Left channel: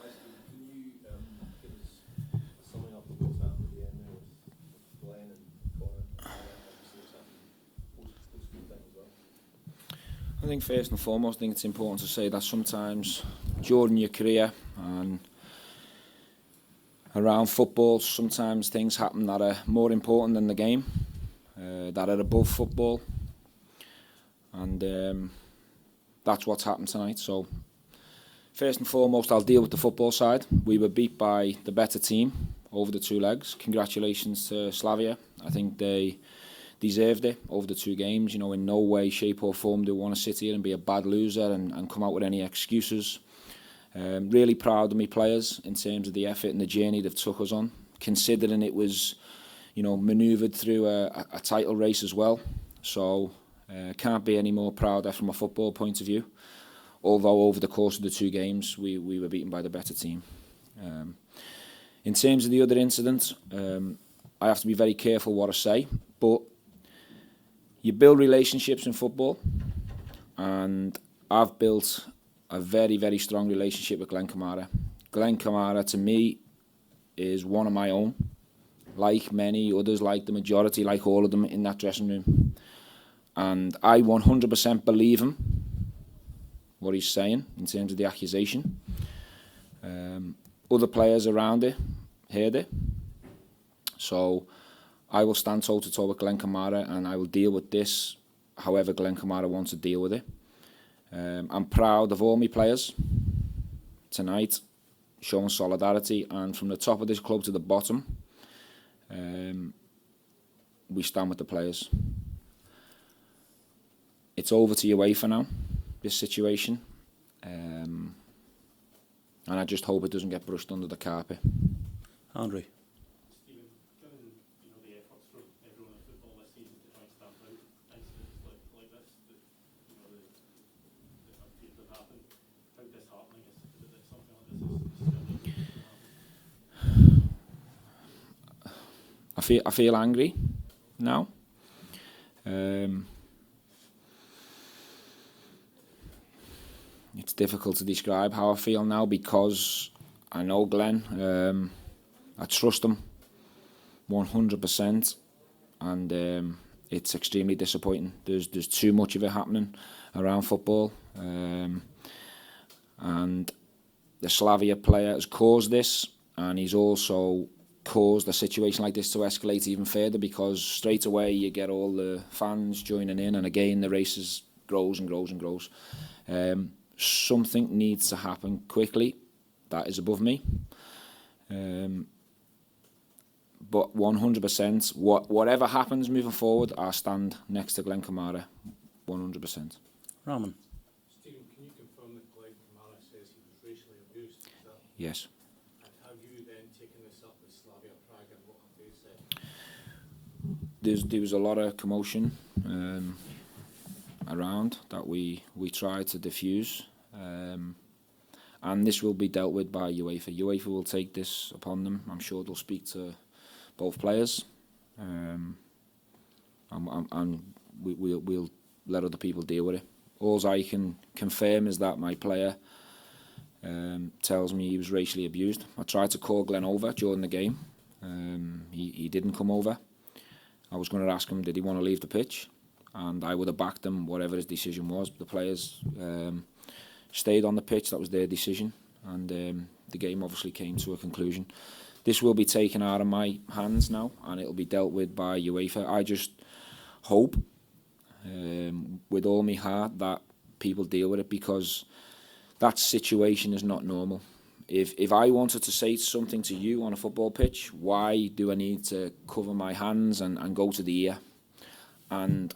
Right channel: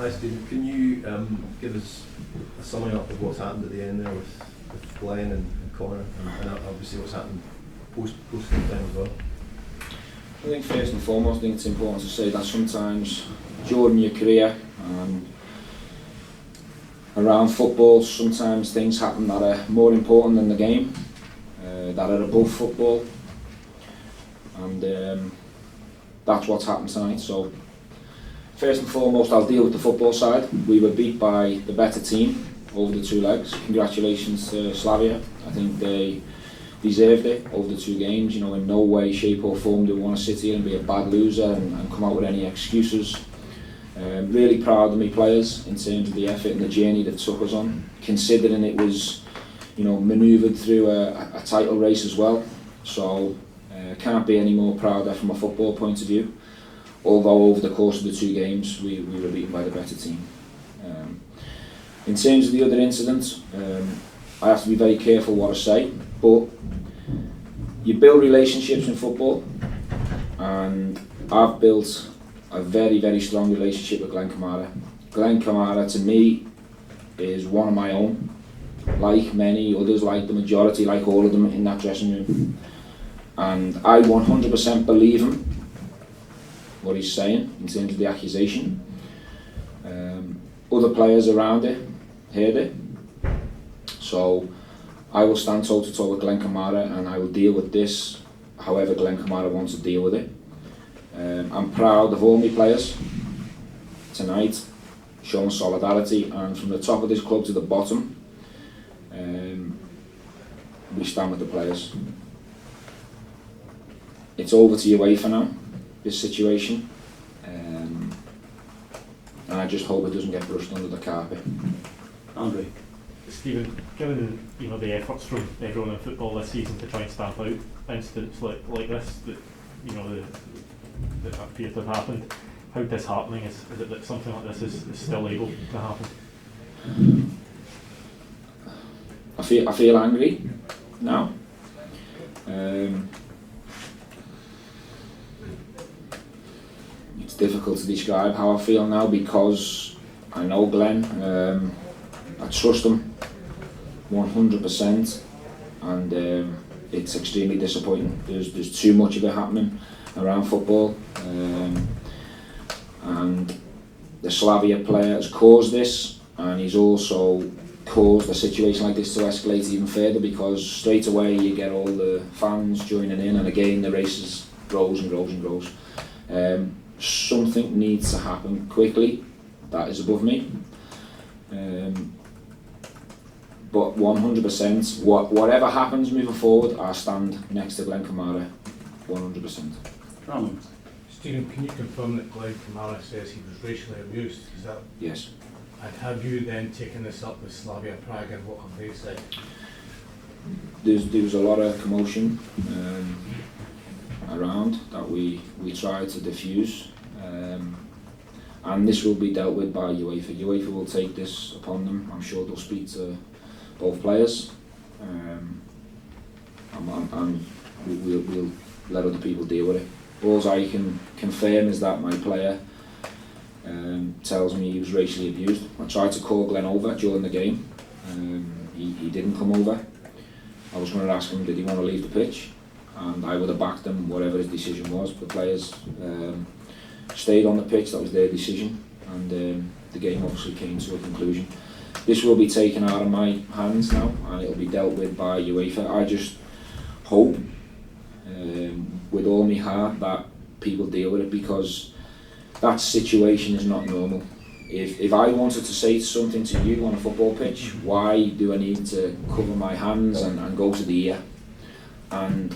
Hi Steve, can you give us a summing up of what's happened at the end there with Glenn and Connor, and obviously what's happened post time as well? I think first and foremost, I think it's important to say that sometimes during your career and around football, sometimes things happen that are more important than the game, that are above football, and that's what's happened tonight. So first and foremost, I'll deal with the football side. We were beat by the better team over the two legs. Congratulations to Slavia. I think they deserved it over the two games. You know, in no way, shape or form do we want to sit here and be a bad loser and come out with any excuses. Really proud of my players in terms of the effort and the journey they've took us on, considering it was, you know, manoeuvred through a title race as well. So can't be any more prouder from a football point of view. Although over the course of the two games we were beaten by the better team. In terms of the other incidents, I have to be very careful what I say, but you build relationships in football, and I've built a very, very strong relationship with Glenn Kamara. Glenn Kamara to me is one of my own, like many others, like the majority, like all of them in that dressing room. And I 100% believe him, what he's saying in terms of the accusation. Other players around it heard it. So I will stand toe to toe with Glenn Kamara, and I will deal with this however Glenn Kamara wants to deal with it. I'm proud of all my players tonight, showing solidarity, and from the top of this club to the bottom, we stand with the players. It's over to UEFA now, this situation, and I just hope it doesn't get brushed under the carpet. Andre? Steven, given the efforts from everyone in football this season to try and stamp out incidents like this that that appear to have happened, how disheartening is it that something like this is still able to happen? I feel angry now. It's difficult to describe how I feel now because I know Glenn. I trust him 100%, and it's extremely disappointing. There's too much of it happening around football, and the Slavia player has caused this, and he's also caused a situation like this to escalate even further, because straight away you get all the fans joining in, and again the race grows and grows and grows. Something needs to happen quickly. That is above me. But 100%, whatever happens moving forward, I stand next to Glenn Kamara, 100%. Stephen, can you confirm that Glenn Kamara says he was racially abused? Is that? Yes. And have you then taken this up with Slavia Prague, and what have they said? There was a lot of commotion around that we tried to diffuse, and this will be dealt with by UEFA. UEFA will take this upon them. I'm sure they'll speak to both players, and we'll let other people deal with it. All I can confirm is that my player tells me he was racially abused. I tried to call Glenn over during the game. He didn't come over. I was going to ask him, did he want to leave the pitch? And I would have backed him, whatever his decision was. The players stayed on the pitch, that was their decision, and the game obviously came to a conclusion. This will be taken out of my hands now, and it will be dealt with by UEFA. I just hope, with all my heart, that people deal with it, because that situation is not normal. If I wanted to say something to you on a football pitch, why do I need to cover my hands and go to the ear? And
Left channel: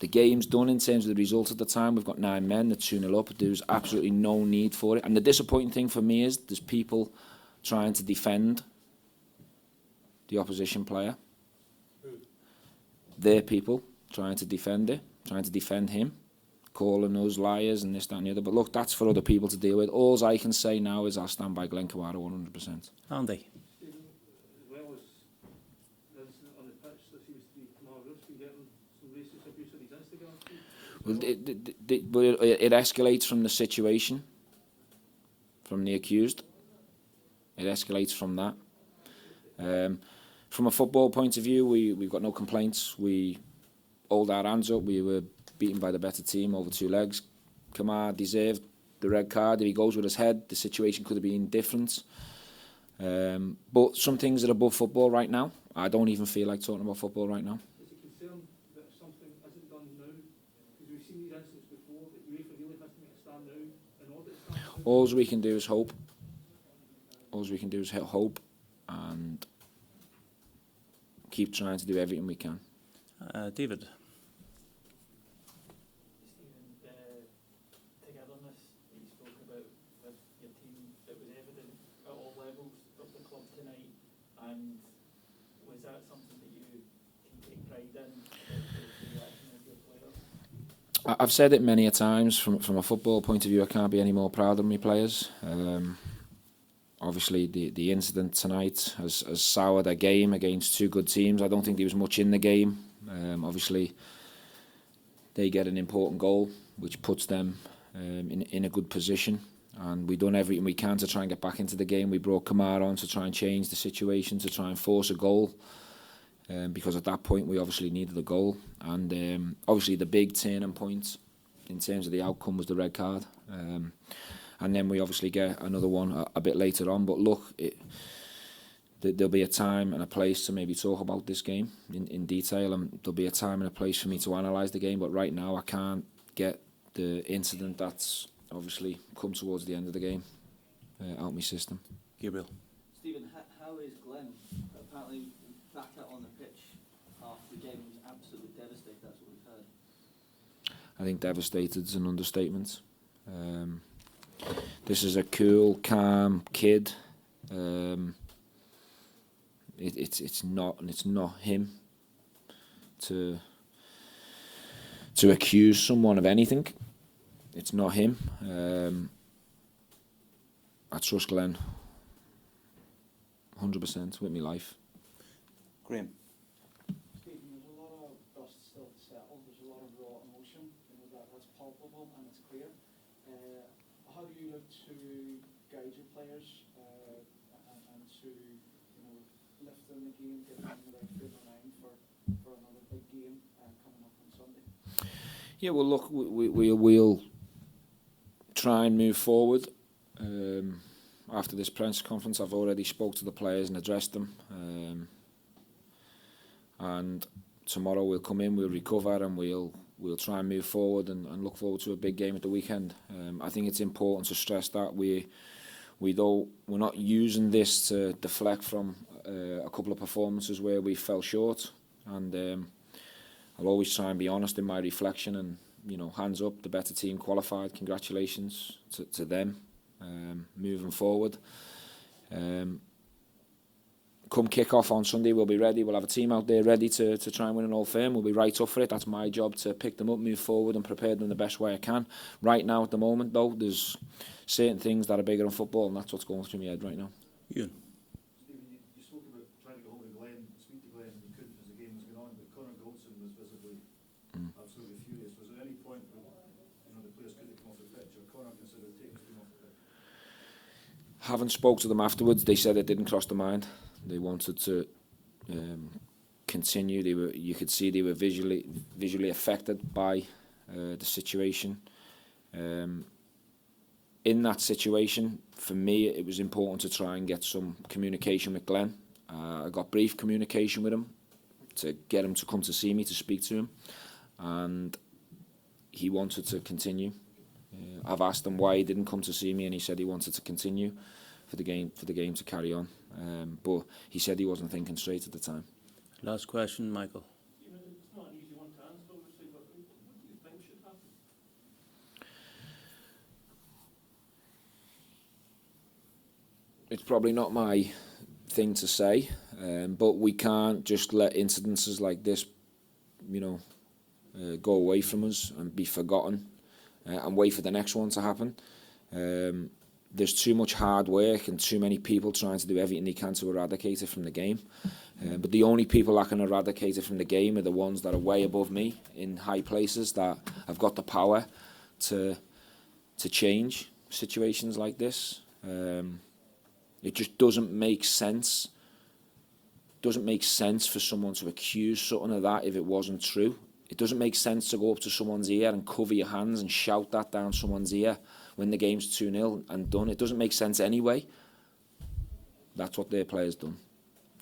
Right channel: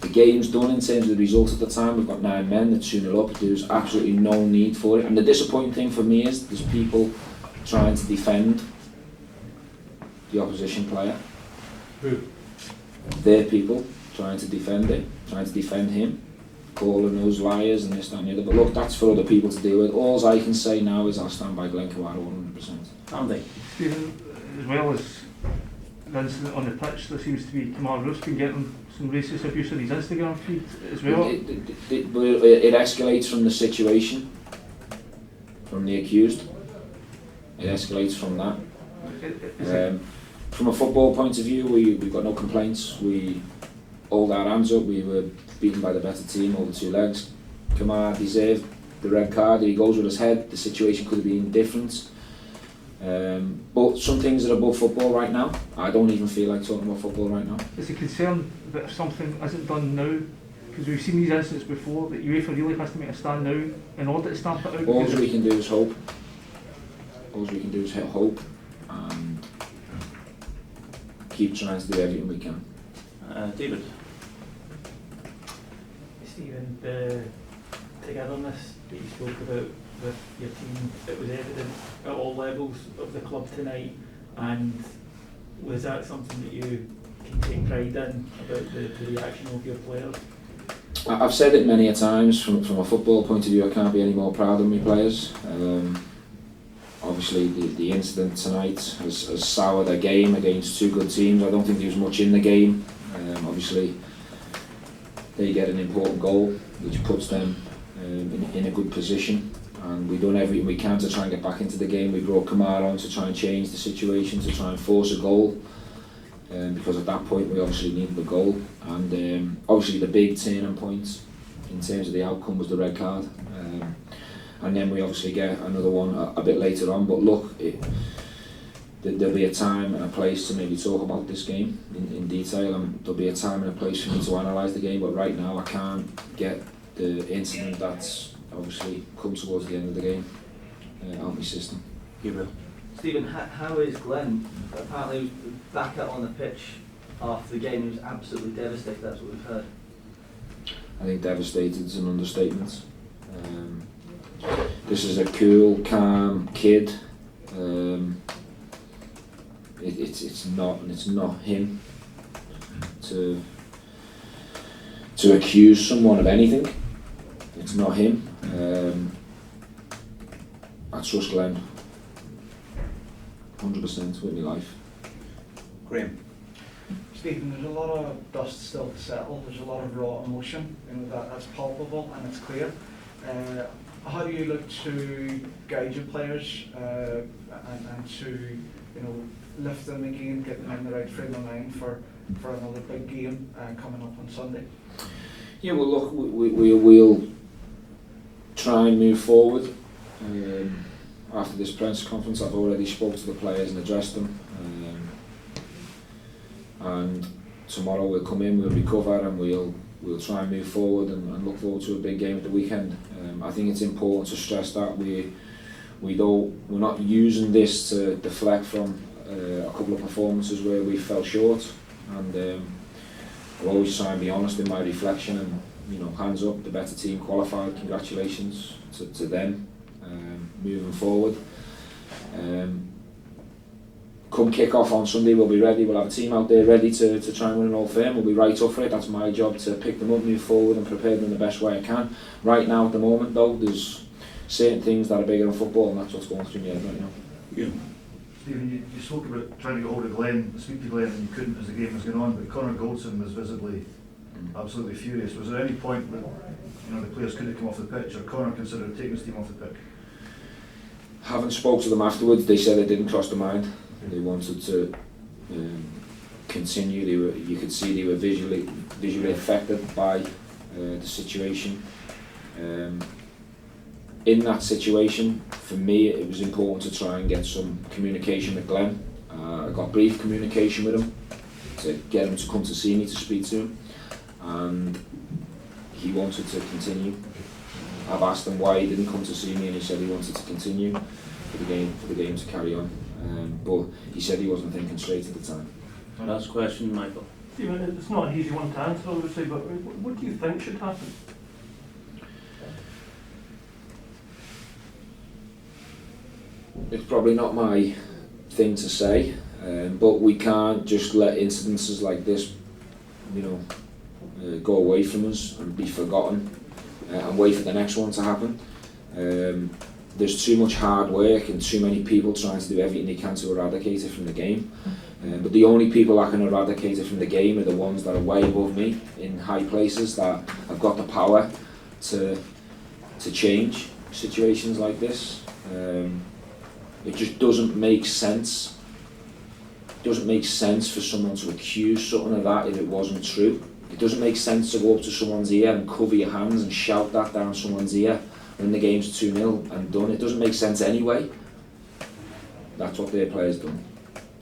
the game's done in terms of the result at the time. We've got 9 men, they're 2-0 up. There's absolutely no need for it. And the disappointing thing for me is there's people trying to defend the opposition player. Who? They're people trying to defend it, trying to defend him, calling us liars and this, that and the other. But look, that's for other people to deal with. All I can say now is I'll stand by Glenn Kamara 100%. Andy? Stephen, as well as the incident on the pitch, there seems to be Kamara Roof's been getting some racist abuse on his Instagram feed as well. It escalates from the situation, from the accused. it escalates from that. From a football point of view, we've got no complaints. We hold our hands up. We were beaten by the better team over 2 legs. Kamar deserved the red card. If he goes with his head, the situation could have been different. But some things are above football right now. I don't even feel like talking about football right now. Is it a concern that if something isn't done now, because we've seen these incidents before, that UEFA really has to make a stand now in order to stamp it out? All we can do is hope. All we can do is hope and keep trying to do everything we can. David? Steven, the togetherness that you spoke about with your team, it was evident at all levels of the club tonight, and was that something that you can take pride in, about the reaction of your players? I've said it many a times, from a football point of view, I can't be any more proud of my players. Obviously the incident tonight has soured their game against 2 good teams. I don't think there was much in the game. Obviously they get an important goal which puts them in a good position, and we've done everything we can to try and get back into the game. We brought Kamar on to try and change the situation, to try and force a goal, because at that point we obviously needed a goal, and obviously the big turning point in terms of the outcome was the red card. And then we obviously get another one a bit later on. But look, there'll be a time and a place to maybe talk about this game in detail, and there'll be a time and a place for me to analyse the game. But right now I can't get the incident that's obviously come towards the end of the game out of my system. Steven, how is Glenn? Apparently he was back out on the pitch after the game. He was absolutely devastated, that's what we've heard. I think devastated is an understatement. This is a cool, calm kid. It's not him to accuse someone of anything. It's not him. I trust Glenn 100% with my life. Graham? Stephen, there's a lot of dust still to settle. There's a lot of raw emotion, that's palpable and it's clear. How do you look to guide your players and to lift them again, get them in the right frame of mind for another big game coming up on Sunday? Yeah, well look, we'll try and move forward. After this press conference I've already spoke to the players and addressed them. And tomorrow we'll come in, we'll recover, and we'll try and move forward and look forward to a big game at the weekend. I think it's important to stress that we're not using this to deflect from a couple of performances where we fell short, and I'll always try and be honest in my reflection, and hands up, the better team qualified, congratulations to them. Moving forward, come kick off on Sunday, we'll be ready. We'll have a team out there ready to try and win an Old Firm. We'll be right up for it. That's my job, to pick them up, move forward and prepare them the best way I can. Right now at the moment though, there's certain things that are bigger than football, and that's what's going through my head right now. Yeah. Stephen, you spoke about trying to get hold of Glenn, speak to Glenn, and you couldn't as the game was going on, but Connor Goldson was visibly absolutely furious. Was there any point when the players couldn't come off the pitch, or Connor considered taking his team off the pitch? Haven't spoke to them afterwards. They said it didn't cross their mind. They wanted to continue. You could see they were visually affected by the situation. In that situation, for me, it was important to try and get some communication with Glenn. I got brief communication with him to get him to come to see me, to speak to him, and he wanted to continue. I've asked him why he didn't come to see me, and he said he wanted to continue for the game to carry on. But he said he wasn't thinking straight at the time. Last question, Michael. Steven, it's not an easy one to answer, obviously, but what do you think should happen? It's probably not my thing to say, but we can't just let incidences like this, go away from us and be forgotten and wait for the next one to happen. There's too much hard work and too many people trying to do everything they can to eradicate it from the game. But the only people that can eradicate it from the game are the ones that are way above me in high places, that have got the power to change situations like this. It just doesn't make sense. It doesn't make sense for someone to accuse something of that if it wasn't true. It doesn't make sense to go up to someone's ear and cover your hands and shout that down someone's ear when the game's 2-0 and done. It doesn't make sense anyway. That's what their players done.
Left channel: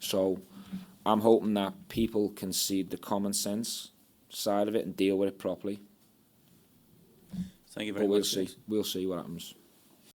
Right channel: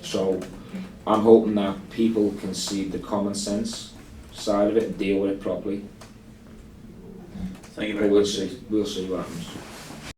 So I'm hoping that people can see the common sense side of it and deal with it properly. Thank you But very we'll much. see. We'll see what happens.